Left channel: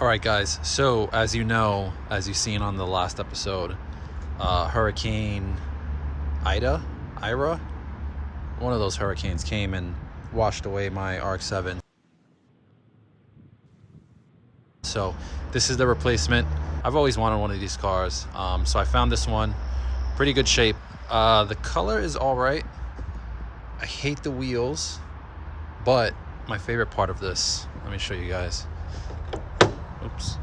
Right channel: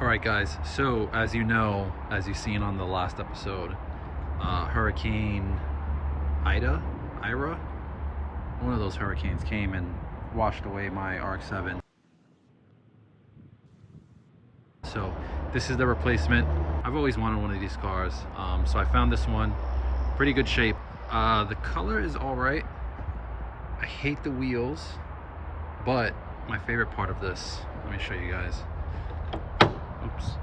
All right, guys, so as you know, as you've seen on the last episode, Hurricane Ira, one of those hurricanes came and washed away my RX-7. So this is the replacement. I've always wanted one of these cars, so I found this one. Pretty good shape. The color is all right. I hate the wheels, but my favorite part of this, let me show you guys. Oops.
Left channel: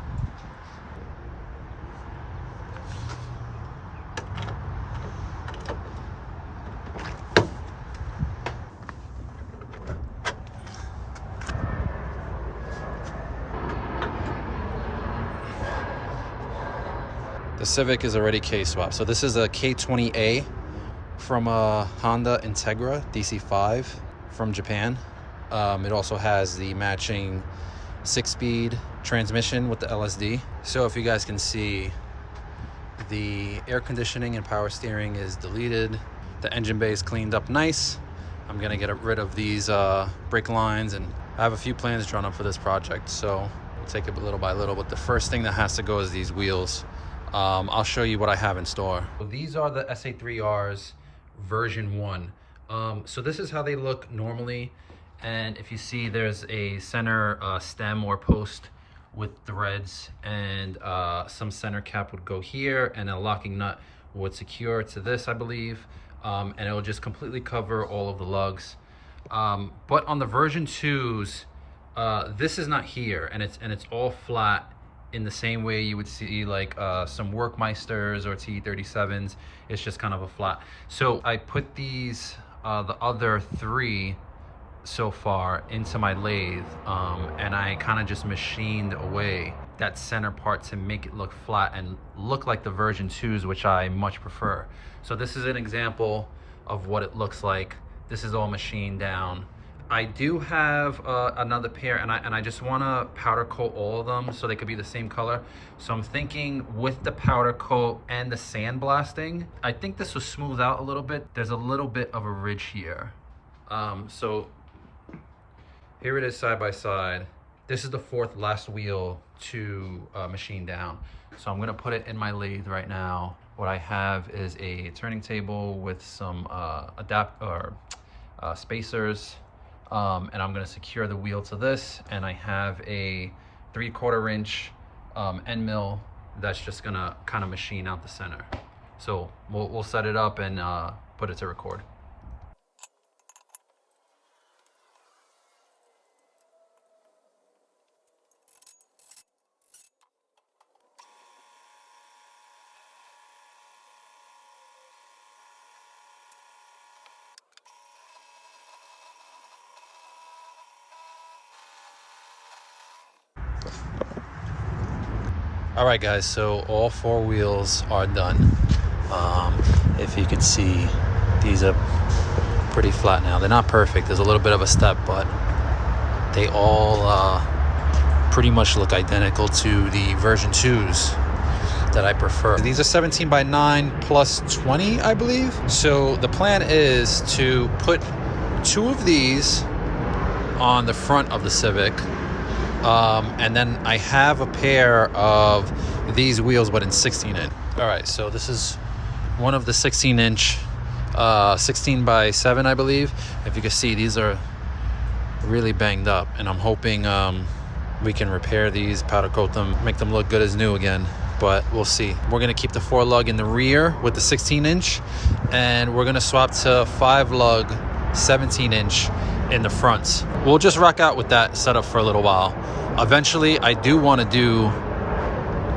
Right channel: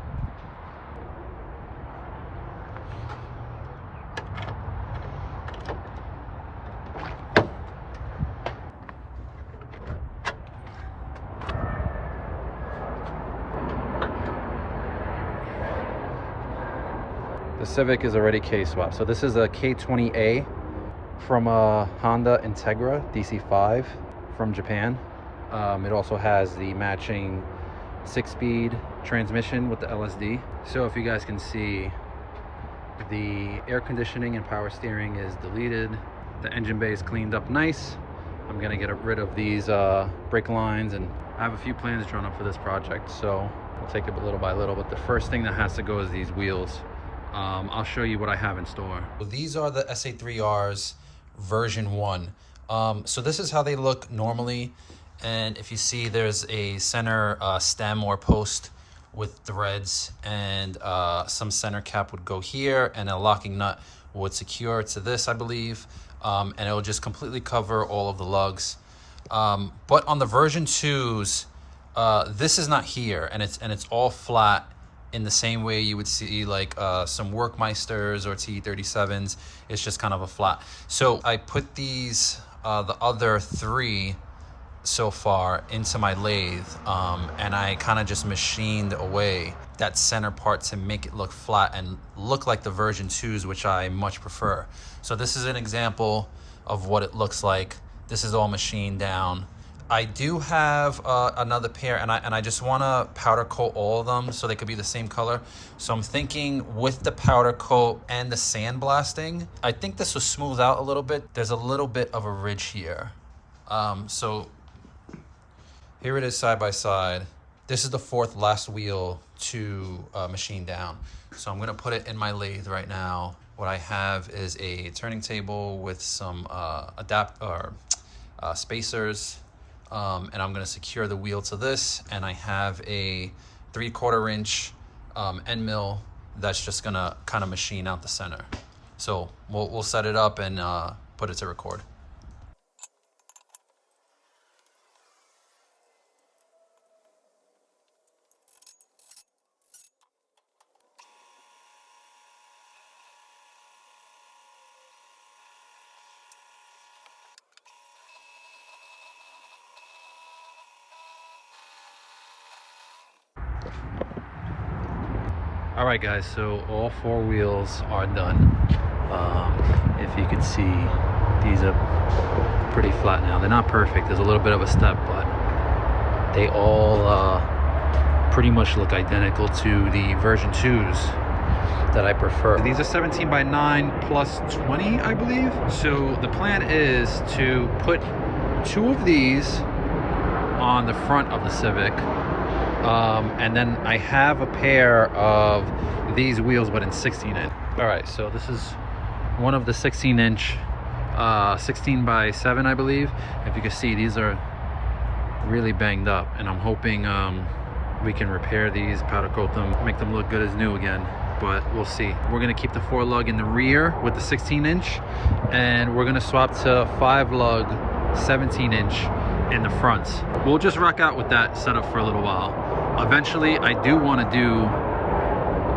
The Civic is already K-swap. So this is a K20A from a Honda Integra DC5 from Japan. It also has the matching 6-speed transmission with the LSD. So if you guys can see, the air conditioning and power steering is deleted. The engine bay is cleaned up nice. I'm gonna get rid of these brake lines, and I have a few plans drawn up for this project, so we'll take it little by little. But the first thing that has to go is these wheels. I'll show you what I have in store. So these are the SA3Rs version 1. So this is how they look normally. And if you see, there's a center stem or post with threads, and some center cap would go here, and a locking nut would secure to this, I believe. And it will just completely cover all of the lugs. But on the version 2s, this is not here, and it's all flat in the same way you would see like some Workmeisters or T37s. It's just kind of a flat. So I put these, the other 3 so far, into my lathe, and I kind of just machined away that center part to make it look flat and look like the version 2s, which I much prefer. So this is an example of what it looks like. This is all machined down. I do have another pair, and I just want to powder coat all of them so they could be the same color. So I'm thinking with the powder coat and the sandblasting, I think this will smooth out a little bit. There's a little bit of a ridge here. So here it is side by side. This is the 4th last wheel to machine down. So I'm gonna put it in my lathe right now. What I have is a turning table with some spacers, and I'm gonna secure the wheel to this. And I have a 3/4 inch end mill that's just gonna kind of machine out the center. So we'll set it up and put it to record. All right, guys, so all 4 wheels are done. If you can see, these are pretty flat now. They're not perfect. There's a little bit of a step, but they all pretty much look identical to the version 2s that I prefer. These are 17 by 9 plus 20, I believe. So the plan is to put 2 of these on the front of the Civic. And then I have a pair of these wheels, but in 16-inch. All right, so this is one of the 16-inch, 16 by 7, I believe. If you can see, these are really banged up, and I'm hoping we can repair these, powder coat them, make them look good as new again. But we'll see. We're gonna keep the 4-lug in the rear with the 16-inch, and we're gonna swap to 5-lug 17-inch in the fronts. We'll just rock out with that setup for a little while. Eventually, I do want to do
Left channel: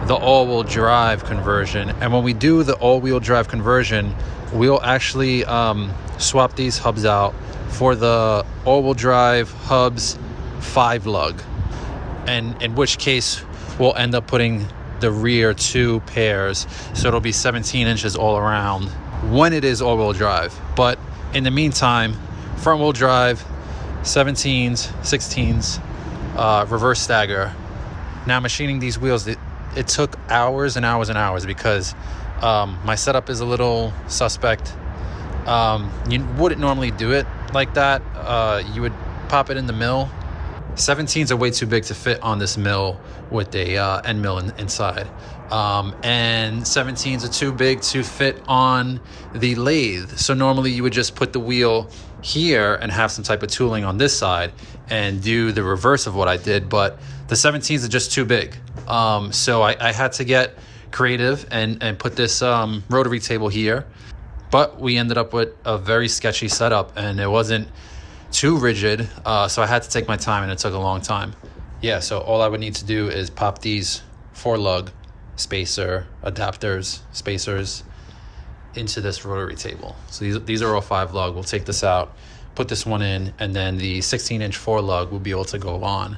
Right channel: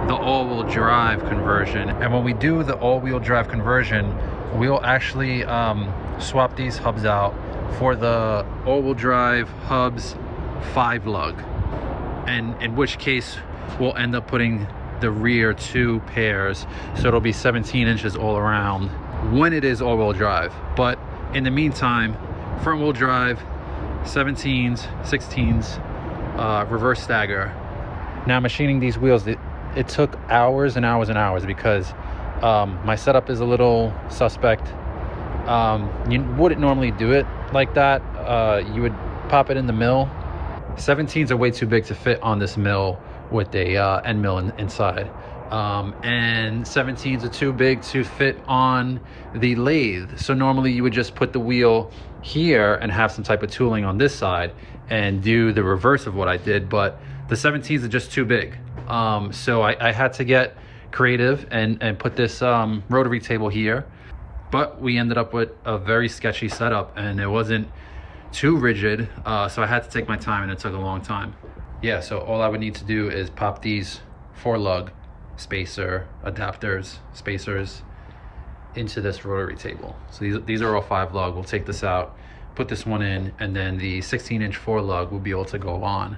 the all-wheel drive conversion, and when we do the all-wheel drive conversion, we'll actually swap these hubs out for the all-wheel drive hubs 5-lug, and in which case we'll end up putting the rear 2 pairs, so it'll be 17 inches all around when it is all-wheel drive. But in the meantime, front-wheel drive, 17s, 16s, reverse stagger. Now machining these wheels, it took hours and hours and hours because my setup is a little suspect. You wouldn't normally do it like that. You would pop it in the mill 17s are way too big to fit on this mill with a end mill inside. And 17s are too big to fit on the lathe. So normally you would just put the wheel here and have some type of tooling on this side and do the reverse of what I did, but the 17s are just too big. So I had to get creative and put this rotary table here, but we ended up with a very sketchy setup and it wasn't too rigid, so I had to take my time and it took a long time. Yeah, so all I would need to do is pop these 4-lug spacer adapters, spacers, into this rotary table. So these are all 5-lug. We'll take this out, put this one in, and then the 16-inch 4-lug will be able to go on.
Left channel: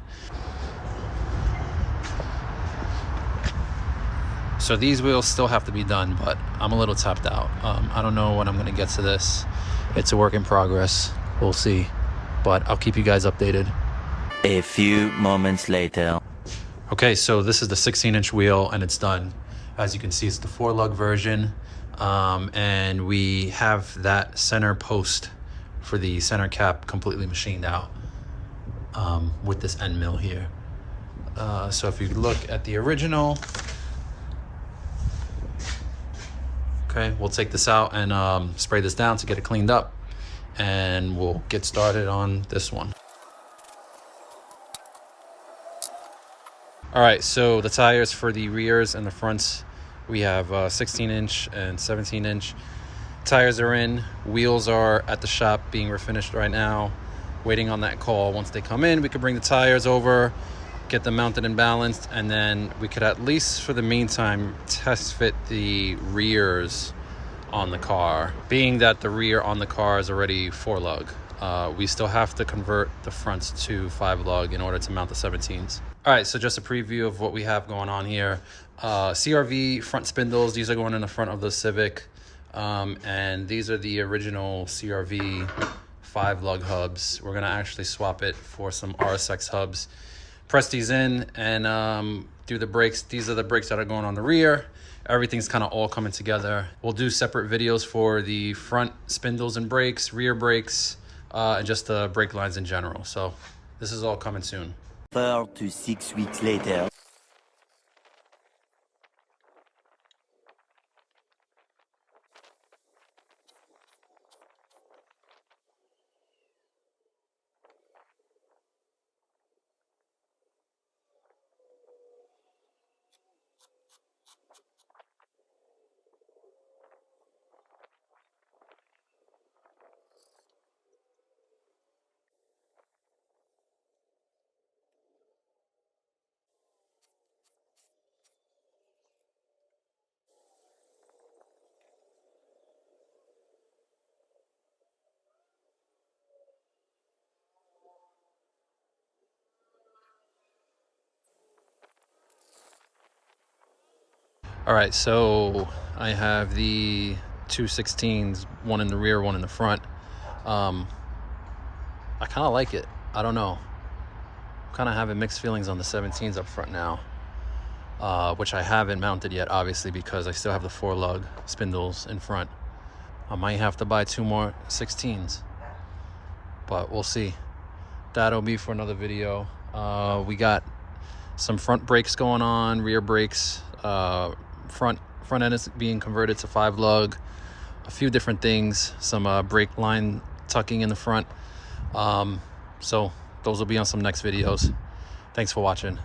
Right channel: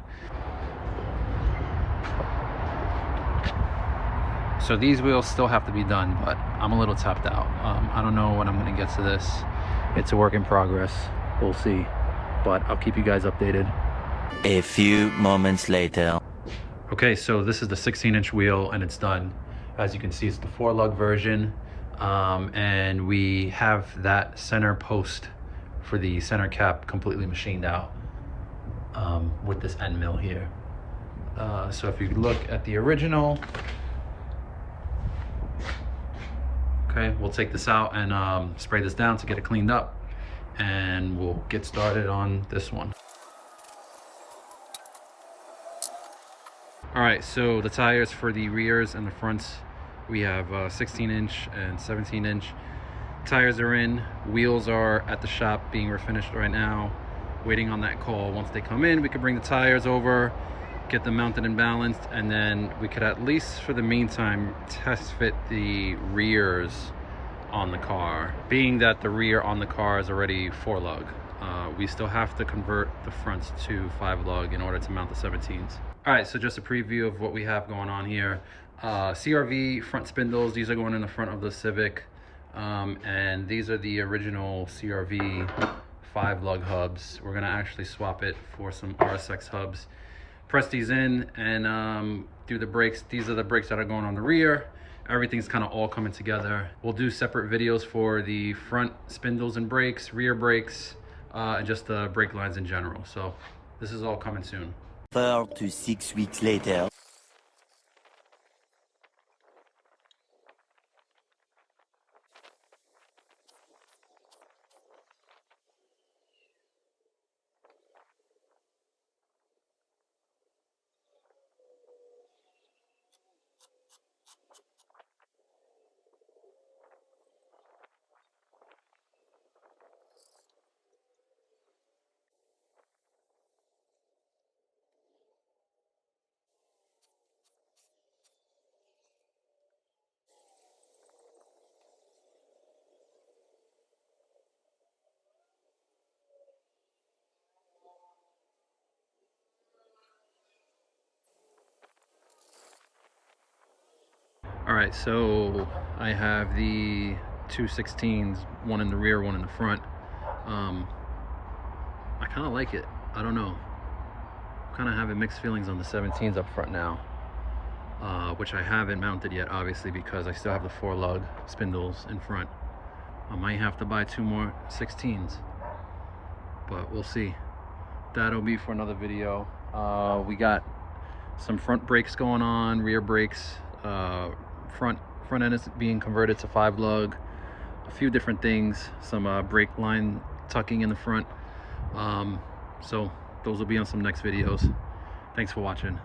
So these wheels still have to be done, but I'm a little tapped out. I don't know when I'm gonna get to this. It's a work in progress. We'll see, but I'll keep you guys updated. A few moments later. Okay, so this is the 16-inch wheel and it's done. As you can see, it's the 4-lug version. And we have that center post for the center cap completely machined out with this end mill here. So if you look at the original, okay, we'll take this out and spray this down to get it cleaned up, and we'll get started on this one. All right, so the tires for the rears and the fronts, we have 16-inch and 17-inch tires are in. Wheels are at the shop being refinished right now, waiting on that call. Once they come in, we could bring the tires over, get them mounted and balanced, and then we could, at least for the meantime, test fit the rears on the car. Being that the rear on the car is already 4-lug, we still have to convert the fronts to 5-lug in order to mount the 17s. All right, so just a preview of what we have going on here. CRV front spindles, these are going in the front of the Civic. And these are the original CRV 5-lug hubs. We're gonna actually swap it for some RSX hubs. Press these in and do the brakes. These are the brakes that are going on the rear. Everything's kind of all coming together. We'll do separate videos for the front spindles and brakes, rear brakes, and just the brake lines in general. So this is all coming soon. 4 to 6 weeks later. All right, so I have the two 16s, one in the rear, one in the front. I kind of like it. I don't know. I'm kind of having mixed feelings on the 17s up front now, which I haven't mounted yet, obviously, because I still have the 4-lug spindles in front. I might have to buy 2 more 16s, but we'll see. That'll be for another video. We got some front brakes going on, rear brakes, front end is being converted to 5-lug, a few different things, some brake line tucking in the front. So those will be on some next videos. Thanks for watching.